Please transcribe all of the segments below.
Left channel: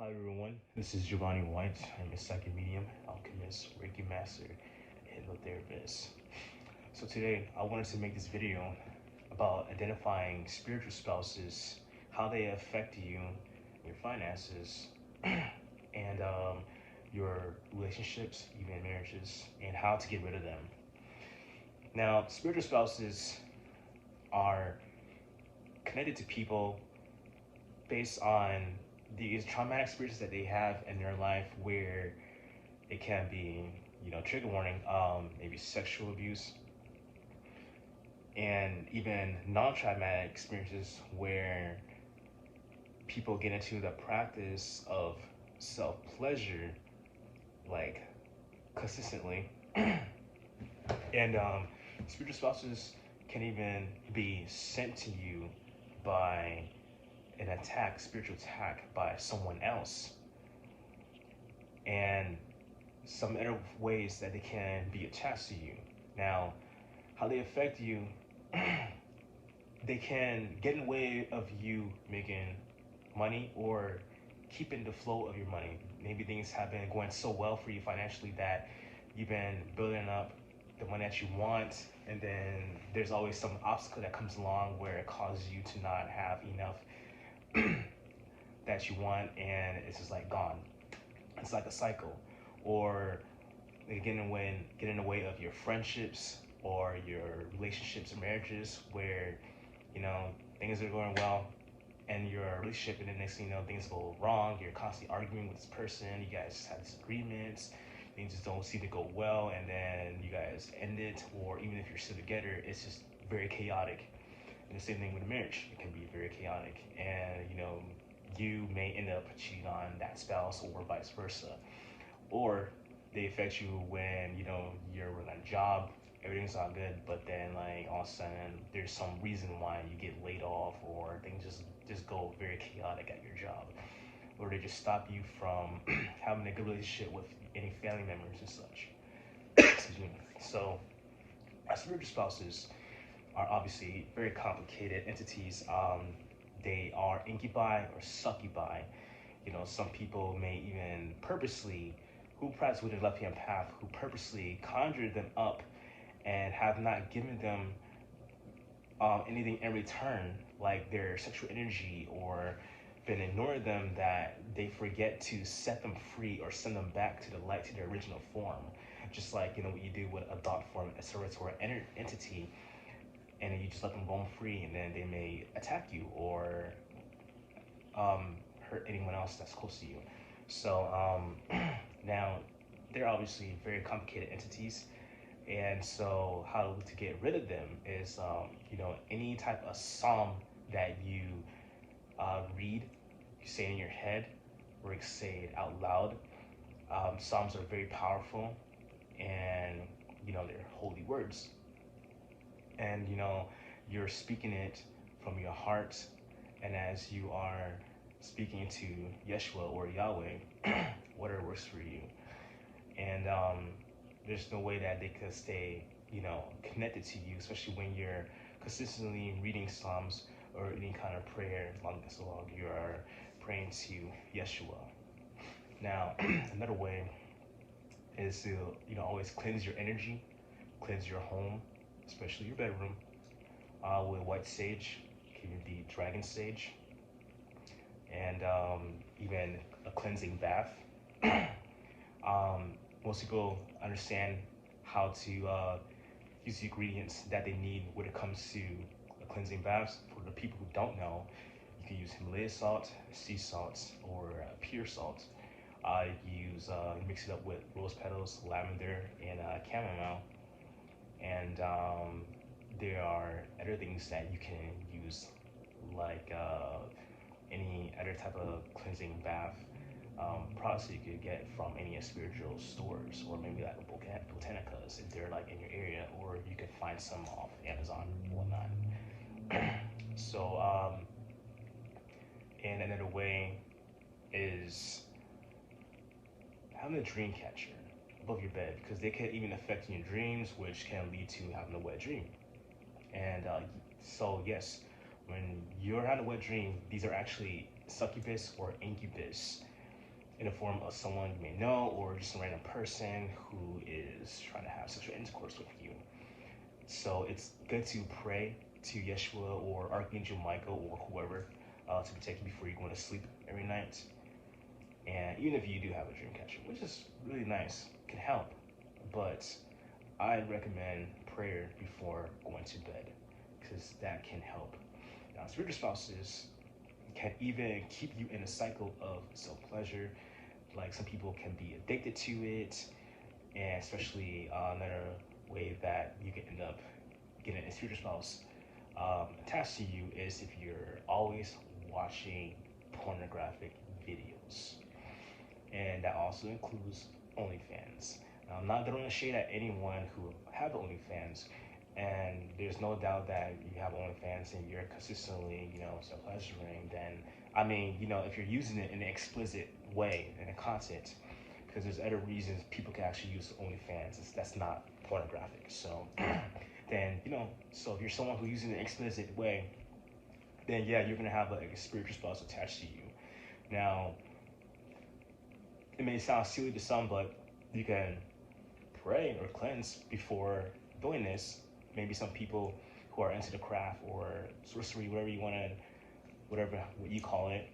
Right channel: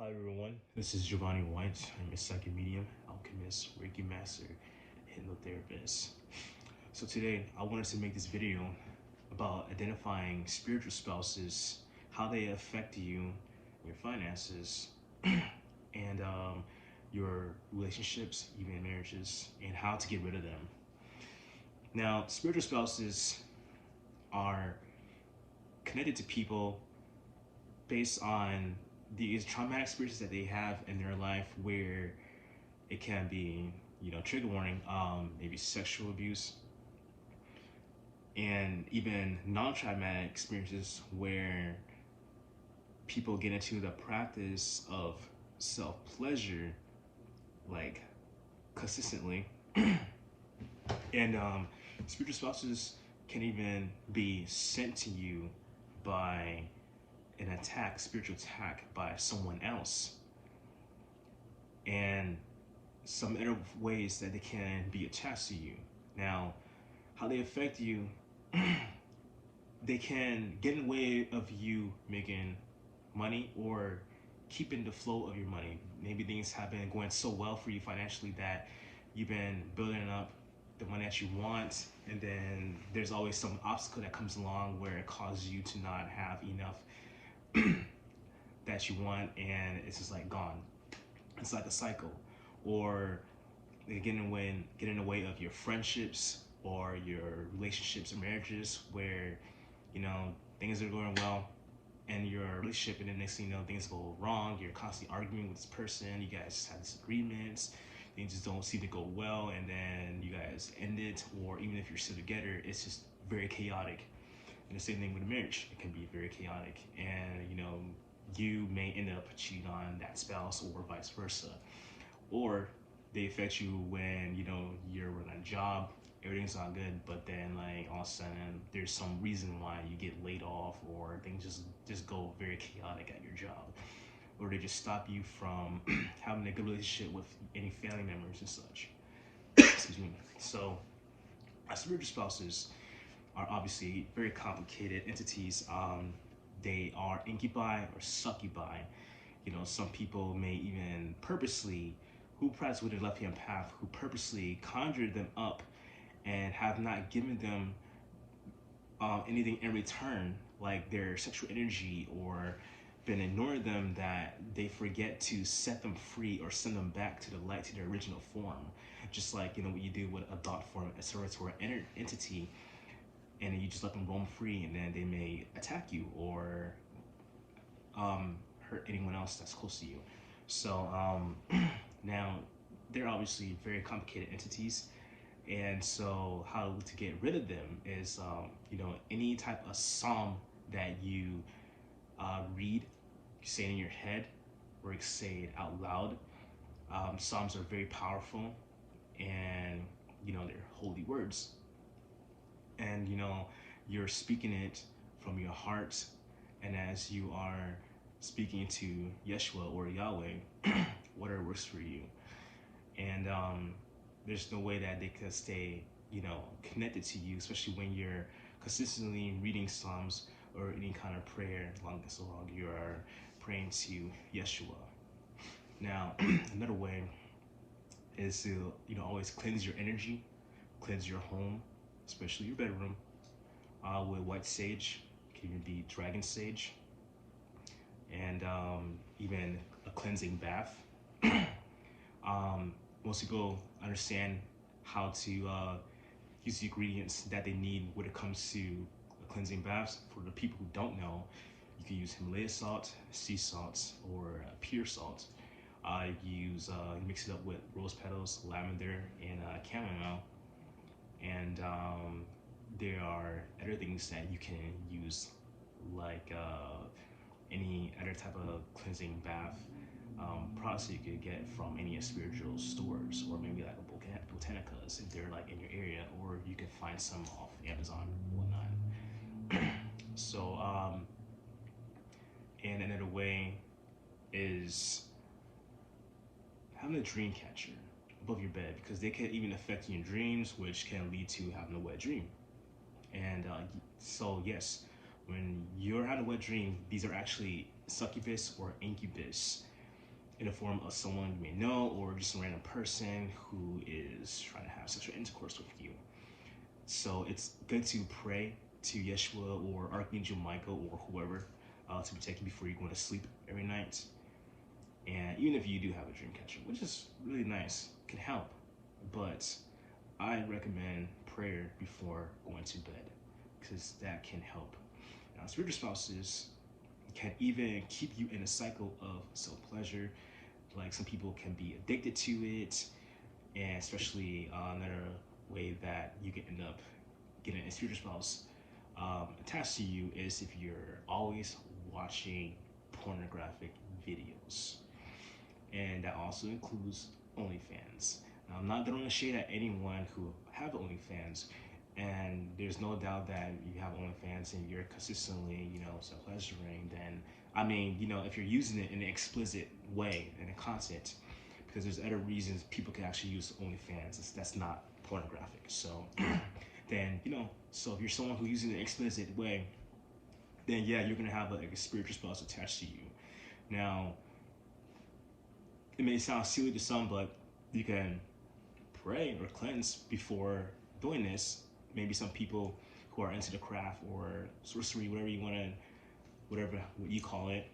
Hi everyone, this is Giovanni White. I'm a psychic medium, alchemist, Reiki master, hypnotherapist. So today I wanted to make this video about identifying spiritual spouses, how they affect you, your finances, and your relationships, even marriages, and how to get rid of them. Now, spiritual spouses are connected to people based on these traumatic experiences that they have in their life, where it can be, trigger warning, maybe sexual abuse, and even non-traumatic experiences where people get into the practice of self-pleasure, like consistently. And spiritual spouses can even be sent to you by an attack, spiritual attack by someone else. And some other ways that they can be attached to you. Now, how they affect you, they can get in the way of you making money or keeping the flow of your money. Maybe things have been going so well for you financially that you've been building up the money that you want, and then there's always some obstacle that comes along where it causes you to not have enough that you want, and it's just like gone. It's like a cycle. Or they get in the way of your friendships or your relationships or marriages, where things are going well and your relationship, and then next thing you know, things go wrong. You're constantly arguing with this person, you guys have disagreements, things just don't seem to go well, and then you guys end it. Or even if you're still together, it's just very chaotic. And the same thing with a marriage, it can be very chaotic, and you may end up cheating on that spouse or vice versa. Or they affect you when you're on a job, everything's all good, but then like all of a sudden there's some reason why you get laid off, or things just go very chaotic at your job, or they just stop you from having a good relationship with any family members and such. Excuse me. So our spiritual spouses are obviously very complicated entities. They are incubi or succubi. Some people may even purposely, who practice with the left-hand path, who purposely conjure them up and have not given them anything in return, like their sexual energy, or been ignoring them, that they forget to set them free or send them back to the light, to their original form. Just like what you do with a thought form, a service, or an entity, and then you just let them roam free, and then they may attack you or hurt anyone else that's close to you. So now they're obviously very complicated entities, and so how to get rid of them is any type of psalm that you read, you say it in your head, or you say it out loud. Psalms are very powerful, and they're holy words, and you're speaking it from your heart, and as you are speaking to Yeshua or Yahweh, whatever works for you. And there's no way that they could stay connected to you, especially when you're consistently reading Psalms or any kind of prayer, long you are praying to Yeshua. Now, another way is to always cleanse your energy, cleanse your home, especially your bedroom, with white sage. It can even be dragon sage, and even a cleansing bath. Most people understand how to use the ingredients that they need when it comes to cleansing baths. For the people who don't know, you can use Himalaya salt, sea salt, or pure salt. You mix it up with rose petals, lavender, and chamomile. And there are other things that you can use, like any other type of cleansing bath products that you could get from any spiritual stores, or maybe like a botanicas if they're like in your area, or you can find some off Amazon or whatnot. So and another way is having a dream catcher above your bed, because they can even affect your dreams, which can lead to having a wet dream. And so yes, when you're having a wet dream, these are actually succubus or incubus in the form of someone you may know or just a random person who is trying to have sexual intercourse with you. So it's good to pray to Yeshua or Archangel Michael or whoever to protect you before you go to sleep every night. And even if you do have a dream catcher, which is really nice, can help. But I recommend prayer before going to bed because that can help. Now, spiritual spouses can even keep you in a cycle of self-pleasure. Like some people can be addicted to it, and especially another way that you can end up getting a spiritual spouse attached to you is if you're always watching pornographic videos. And that also includes OnlyFans. Now, I'm not throwing a shade at anyone who have OnlyFans, and there's no doubt that you have OnlyFans and you're consistently, self-pleasuring, then, I mean, if you're using it in an explicit way in the content, because there's other reasons people can actually use OnlyFans that's not pornographic. So then, so if you're someone who's using it in an explicit way, then yeah, you're gonna have a spiritual spouse attached to you. Now, it may sound silly to some, but you can pray or cleanse before doing this. Maybe some people who are into the craft or sorcery, whatever what you call it,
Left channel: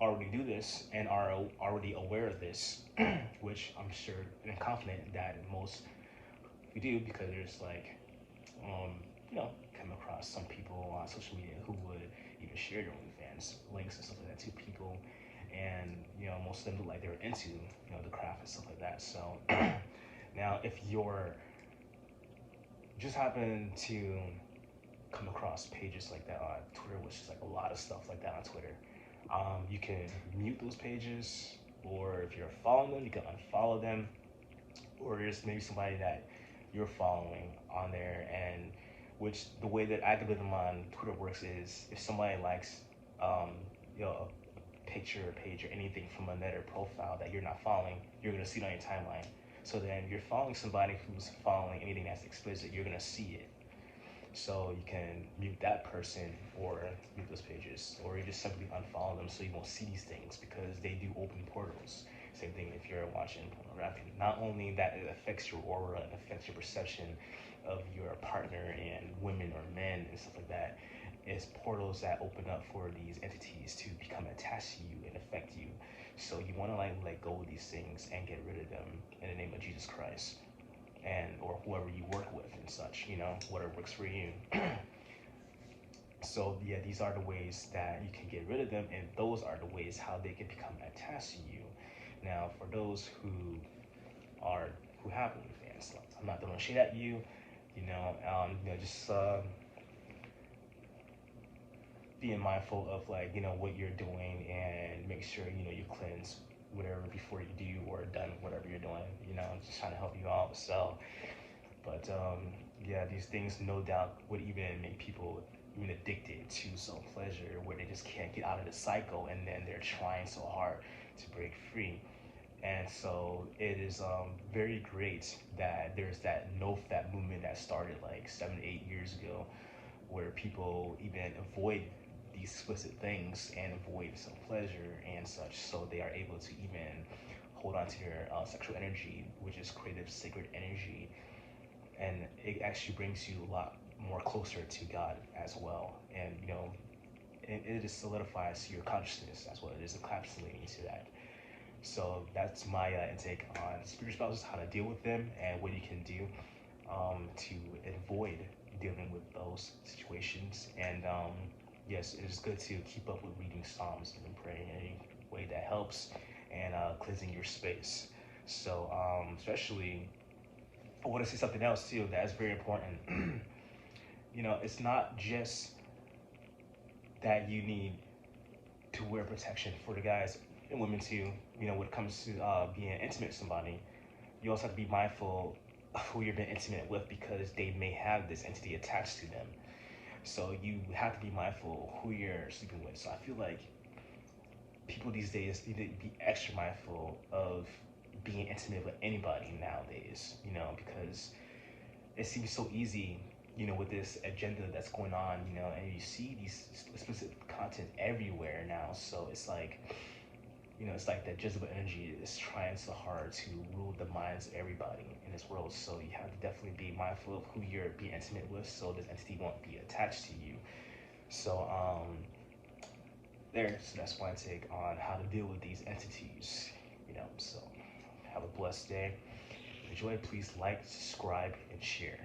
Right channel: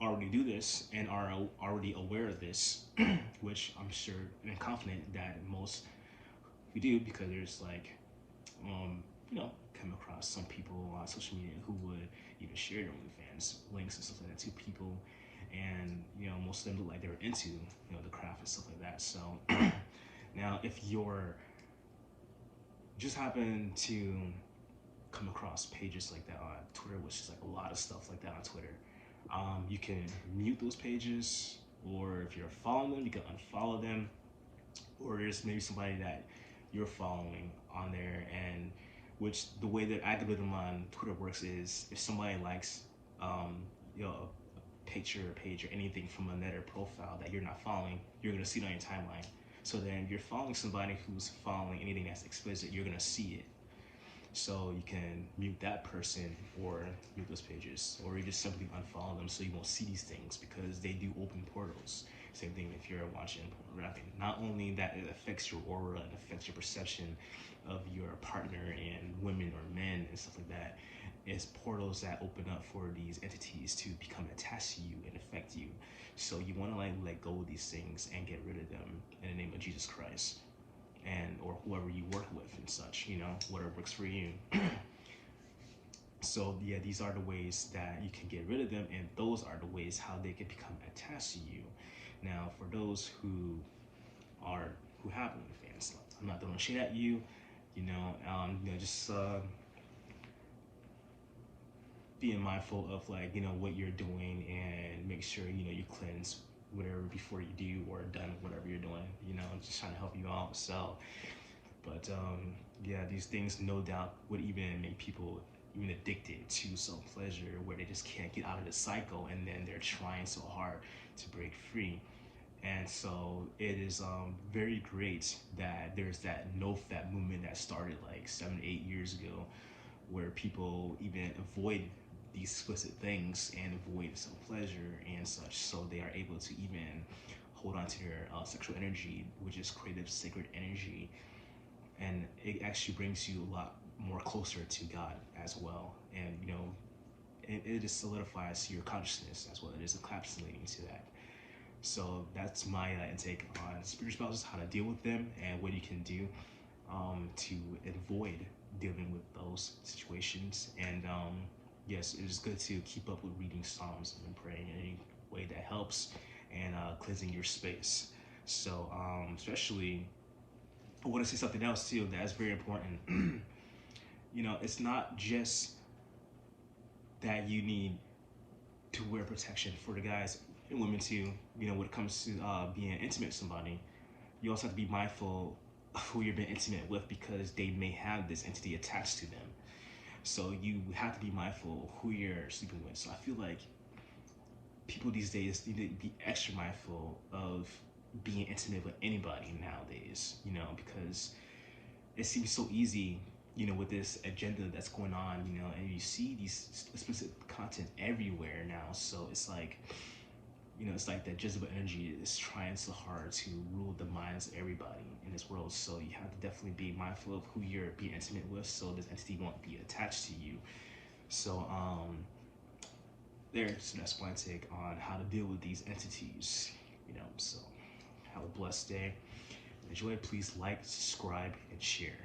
already do this and are already aware of this, which I'm sure and confident that most who do, because there's come across some people on social media who would even share their OnlyFans links and stuff like that to people, and most of them look like they're into the craft and stuff like that. So now if you're just happen to come across pages like that on Twitter, which is like a lot of stuff like that on Twitter, you can mute those pages, or if you're following them, you can unfollow them, or there's maybe somebody that you're following on there, and which the way that algorithm on Twitter works is if somebody likes a picture or page or anything from another profile that you're not following, you're gonna see it on your timeline. So then if you're following somebody who's following anything that's explicit, you're gonna see it. So you can mute that person or mute those pages, or you just simply unfollow them so you won't see these things, because they do open portals. Same thing if you're watching pornography. Not only that it affects your aura and affects your perception of your partner and women or men and stuff like that, it's portals that open up for these entities to become attached to you and affect you. So you want to let go of these things and get rid of them in the name of Jesus Christ, and or whoever you work with and such, whatever works for you. So yeah, these are the ways that you can get rid of them, and those are the ways how they can become attached to you. Now, for those who have OnlyFans, I'm not throwing shade at you, just being mindful of what you're doing, and make sure you cleanse whatever before you do or done whatever you're doing. I'm just trying to help you out. So, but yeah, these things no doubt would even make people even addicted to self-pleasure, where they just can't get out of the cycle, and then they're trying so hard to break free. And so it is very great that there's that no-fap movement that started like 7 to 8 years ago, where people even avoid these explicit things and avoid self-pleasure and such, so they are able to even hold on to their sexual energy, which is creative, sacred energy, and it actually brings you a lot more closer to God as well. And it just solidifies your consciousness as well. It is encapsulating to that. So that's my intake on spiritual spouses, how to deal with them, and what you can do to avoid dealing with those situations. And yes, it is good to keep up with reading Psalms and praying in any way that helps, and cleansing your space. So especially, I want to say something else too that is very important. It's not just that you need to wear protection for the guys and women too. When it comes to being intimate with somebody, you also have to be mindful of who you're being intimate with, because they may have this entity attached to them. So you have to be mindful of who you're sleeping with. So I feel like people these days need to be extra mindful of being intimate with anybody nowadays, because it seems so easy, with this agenda that's going on, and you see these explicit content everywhere now. So it's like, you know, it's like that Jezebel energy is trying so hard to rule the minds of everybody in this world. So you have to definitely be mindful of who you're being intimate with, so this entity won't be attached to you. So so that's my take on how to deal with these entities. You know, so have a blessed day. Enjoy. Please like, subscribe, and share.